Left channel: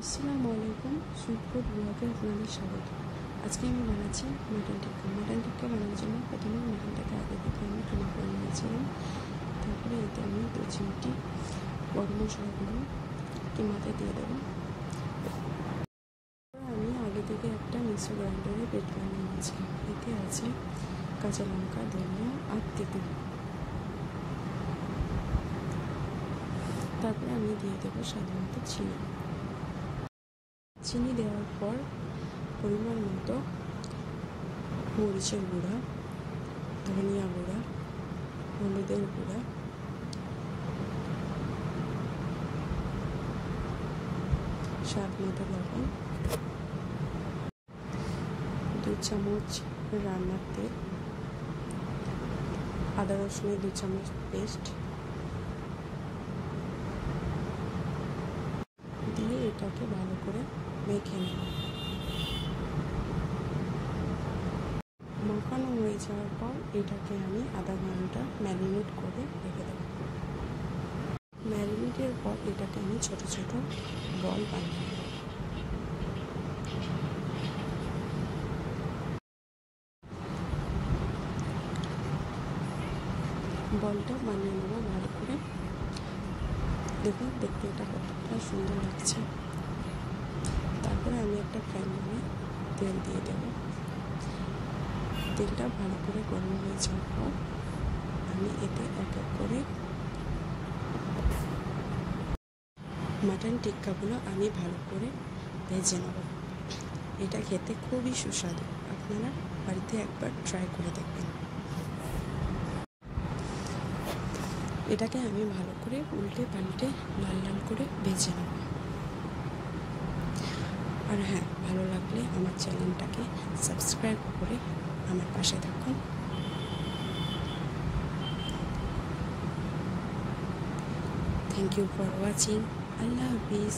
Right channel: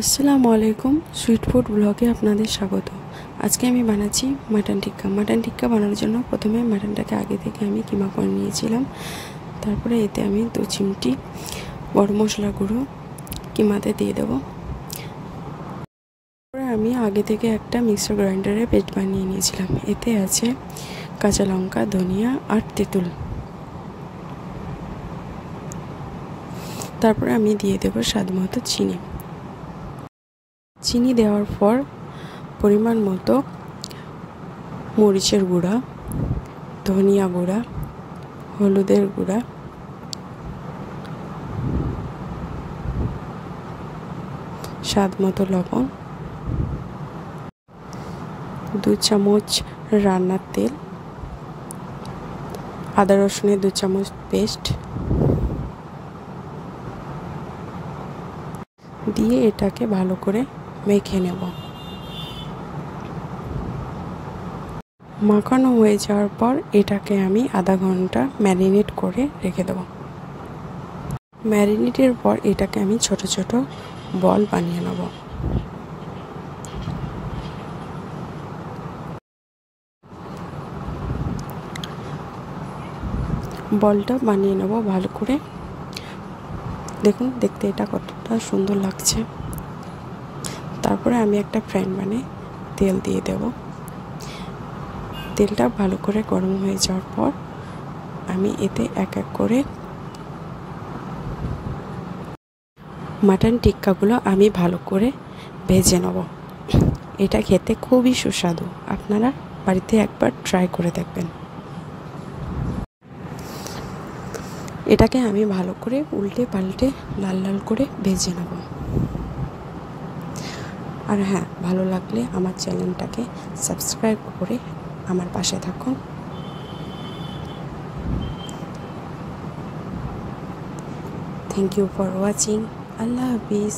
আসসালামু আলাইকুম, sweet food ব্লগে আপনাদের স্বাগত। আজকে আমি বানাচ্ছি মাটন টিক্কা। মাটন টিক্কা বানানোর জন্য প্রথমে মাটনটাকে আগে থেকে আমি কিমা করে নিয়েছিলাম। তারপরে এতে আমি 2 চিমটি গরম মশলা গুঁড়ো কিমাতে দিয়ে দেবো। তারপরে আমি আগে থেকে একটা মিক্সার গ্রাইন্ডারে পেস্ট বানিয়ে নিয়েছিলাম। এতে আছে কাঁচা লঙ্কা, ধনিয়া আর তেঁতুল। তারপরে আমি দিয়ে দেবো স্বাদ মতো চিনি দেওয়ার পর পরিমাণ মতো মরিচের গুঁড়া, ধনিয়া গুঁড়া, হলুদের গুঁড়া, স্বাদ মতো লবণ, 2 চামচ রান্নার তেল, আদা রসুনের 2 চামচ পেস্ট দিয়ে এটাকে ভালো করে মেখে নেব। মাখানো হয়ে যাওয়ার পর এটাকে আমি আধা ঘন্টা ম্যারিনেট করে রেখে দেব। ম্যারিনেটের পর এটাকে আমি ছোট ছোট বল বানিয়ে নেব। বলটা বানিয়ে নেব ভালো করে। দেখুন, দেখতে এটা কতটা সুন্দর লাগছে। তারপরে আমি একটা ফ্রাই প্যানে তেল দিয়ে দেব। তেলটা ভালো করে গরম হয়ে যাওয়ার পর আমি এতে এক এক করে মাটন টিক্কাগুলো আমি ভালো করে ভেজে নেব। এটা খেতে খুবই সুস্বাদু। আপনারা বাড়িতে একবার ট্রাই করে দেখবেন। এটাকে আমি ভালো করে উল্টে পাল্টে লাল লাল করে ভেজে নেব। আর হ্যাঁ, ভালো লাগলে আমার চ্যানেলটাকে সাবস্ক্রাইব করে আমার পাশে থাকুন। Thank you for watching. Allah Hafiz.